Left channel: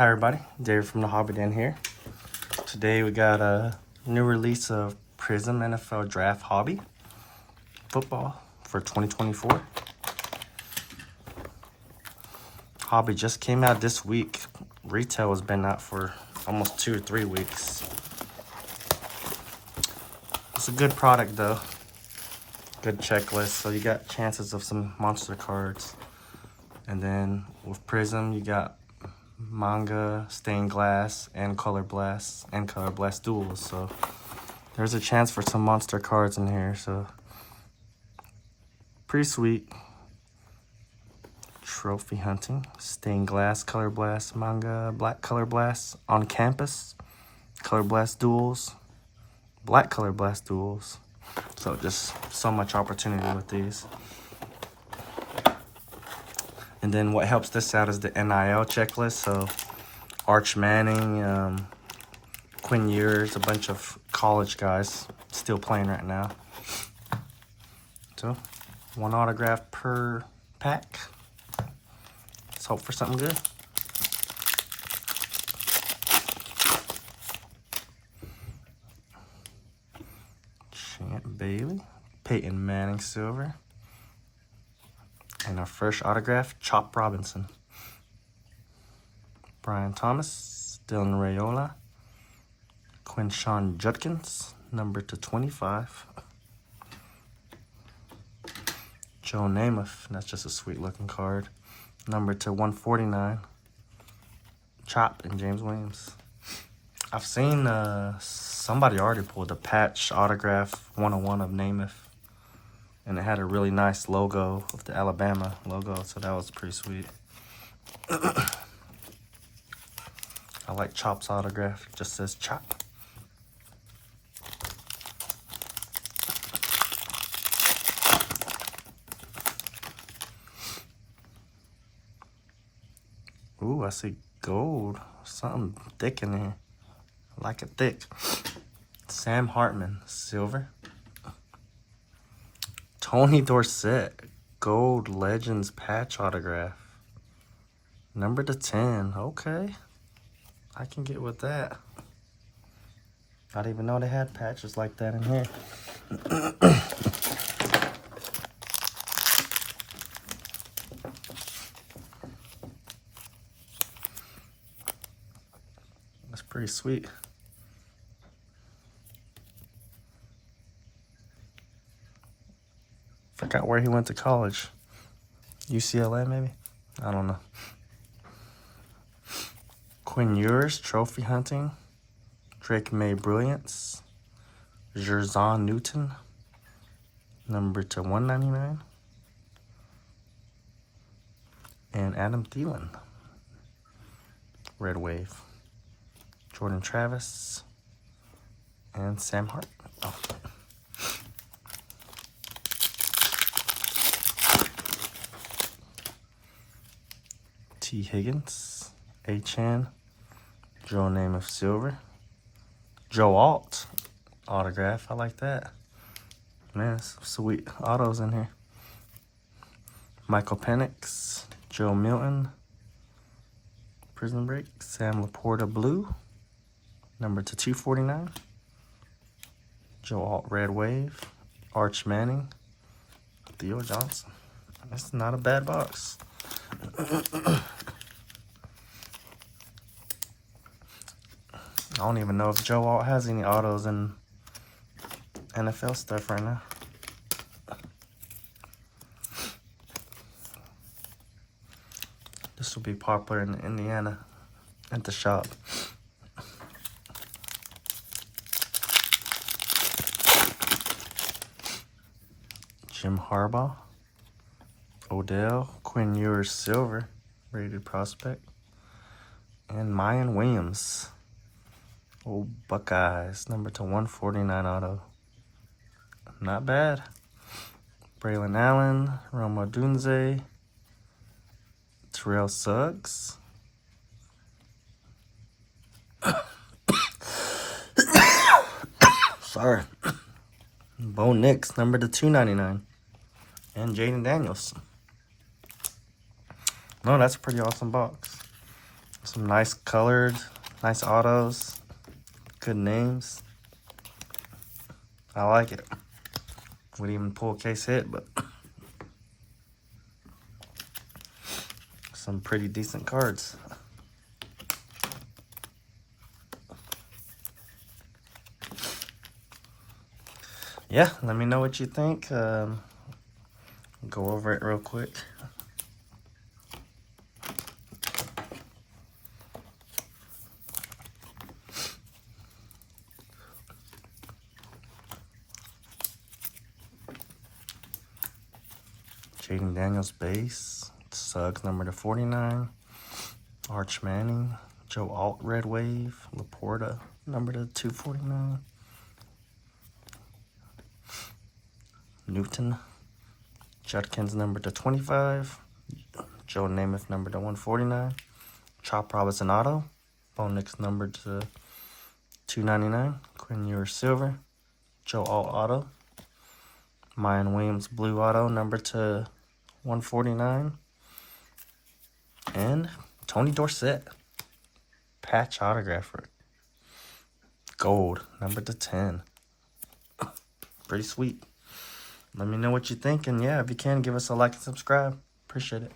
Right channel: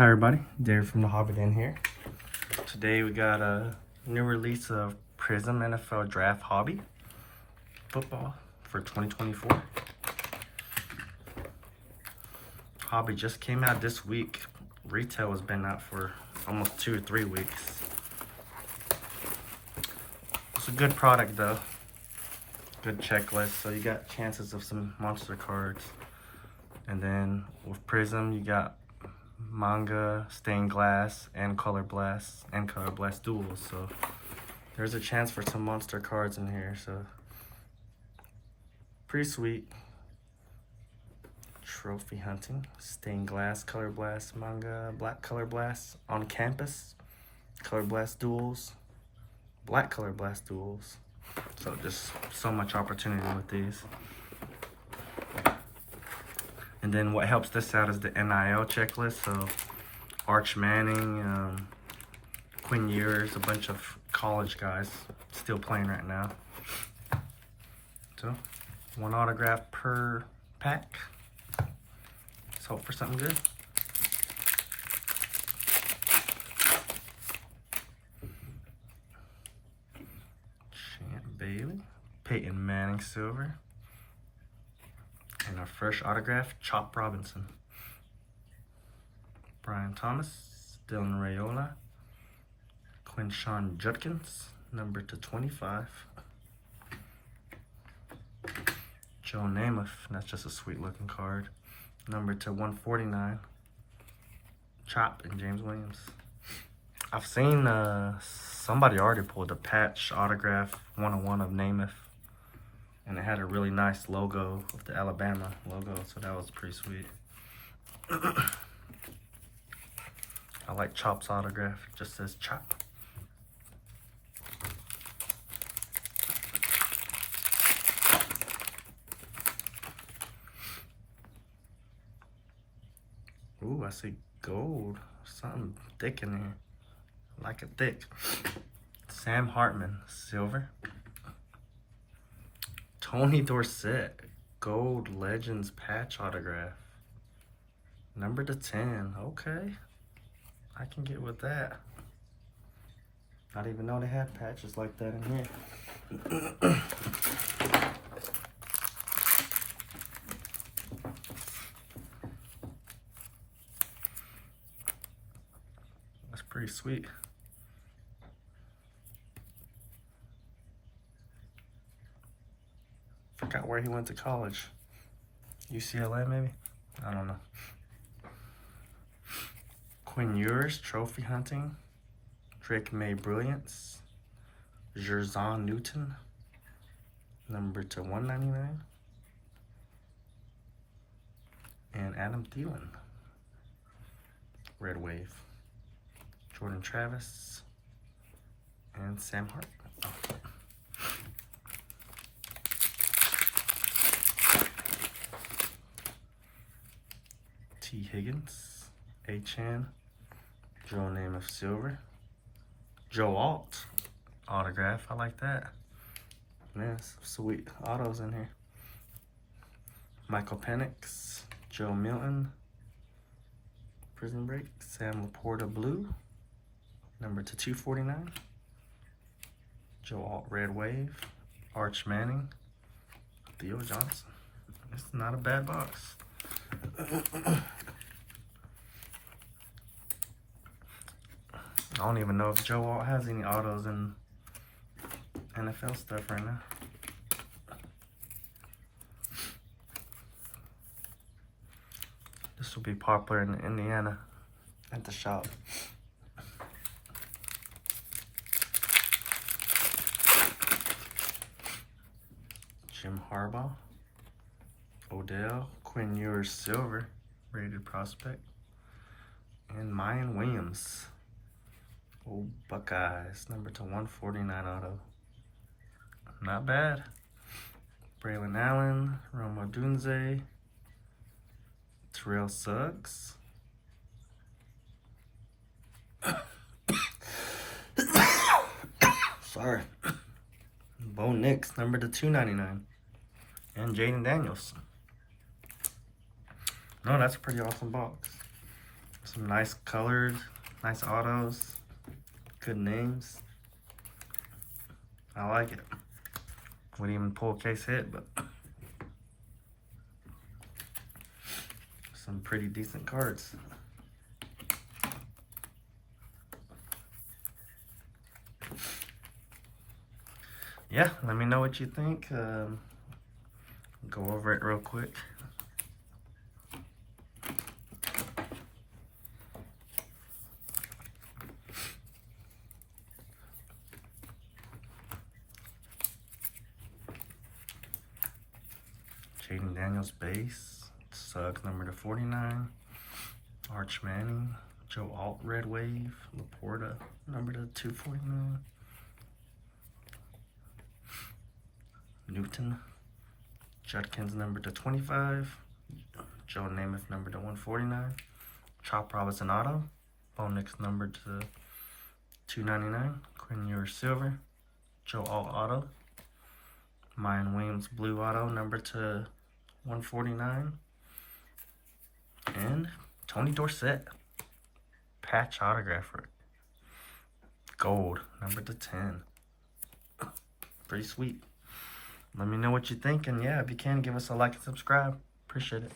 Hi everybody, Dave from the Hobby Den here. Today we got a new release of Prizm NFL Draft Hobby Football for 2024. Hobby just came out this week. Retail has been out for almost 2 or 3 weeks. It's a good product though. Good checklist, so you got chances of some monster cards. And then with Prizm, you got manga, stained glass, and color blast duels. So there's a chance for some monster cards in here. So pretty sweet. Trophy hunting, stained glass, color blast, manga, black color blast, on campus, color blast duels, black color blast duels. So just so much opportunity with these. And then what helps this out is the NIL checklist. So Arch Manning, Quinn Ewers, a bunch of college guys still playing right now. So 1 autograph per pack. Let's hope for something good. Champ Bailey, Peyton Manning silver. And our first autograph, Chop Robinson. Brian Thomas, Dylan Raiola, Quinshawn Judkins, number /25. Joe Namath, that's just a sweet looking card. Number /149. Chop and James Williams. I've seen somebody already pulled a patch autograph 101 of Namath. And it had a really nice logo of the Alabama logo, so that was pretty sweet. I like Chop's autograph. It just says Chop. Ooh, I see gold. Something thick in here. I like it thick. Sam Hartman, silver. Tony Dorsett, Gold Legends patch autograph. Number /10. Okay. I can get with that. I didn't even know they had patches like that in here. That's pretty sweet. Forgot where he went to college. UCLA maybe? I don't know. Quinn Ewers, trophy hunting. Drake May Brilliance. Jerzon Newton, number /199. And Adam Thielen, Red Wave. Jordan Travis. And Sam Hart. Oh. T. Higgins, A-Chan, Joe Namath silver, Joe Alt autograph. I like that. Man, some sweet autos in here. Michael Penix, Joe Milton, Prison Break, Sam Laporta blue, number /249. Joe Alt Red Wave, Arch Manning, Theo Johnson. That's not a bad box. I don't even know if Joe Alt has any autos in NFL stuff right now. This will be popular in Indiana at the shop. Jim Harbaugh, Odell, Quinn Ewers silver, rated prospect, and Mayan Williams. Old Buckeyes, number /149 auto. Not bad. Braylon Allen, Rome Odunze, Terrell Suggs. Sorry. Bo Nix, number /299. And Jaden Daniels. No, that's a pretty awesome box. Some nice colored, nice autos, good names. I like it. Wouldn't even pull a case hit, but some pretty decent cards. Yeah, let me know what you think. Go over it real quick. Jaden Daniels base. Suggs number to 49. Arch Manning. Joe Alt red wave. Laporta number to 249. Newton. Judkins number to 25. Joe Namath number to 149. Chop Robinson auto. Bo Nix number to 299. Quinn Ewers silver. Joe Alt auto. Mayan Williams blue auto number to 149. And Tony Dorsett patch autographer. Gold number to 10. Pretty sweet. Let me know what you think, and yeah, if you can, give us a like and subscribe. Appreciate it.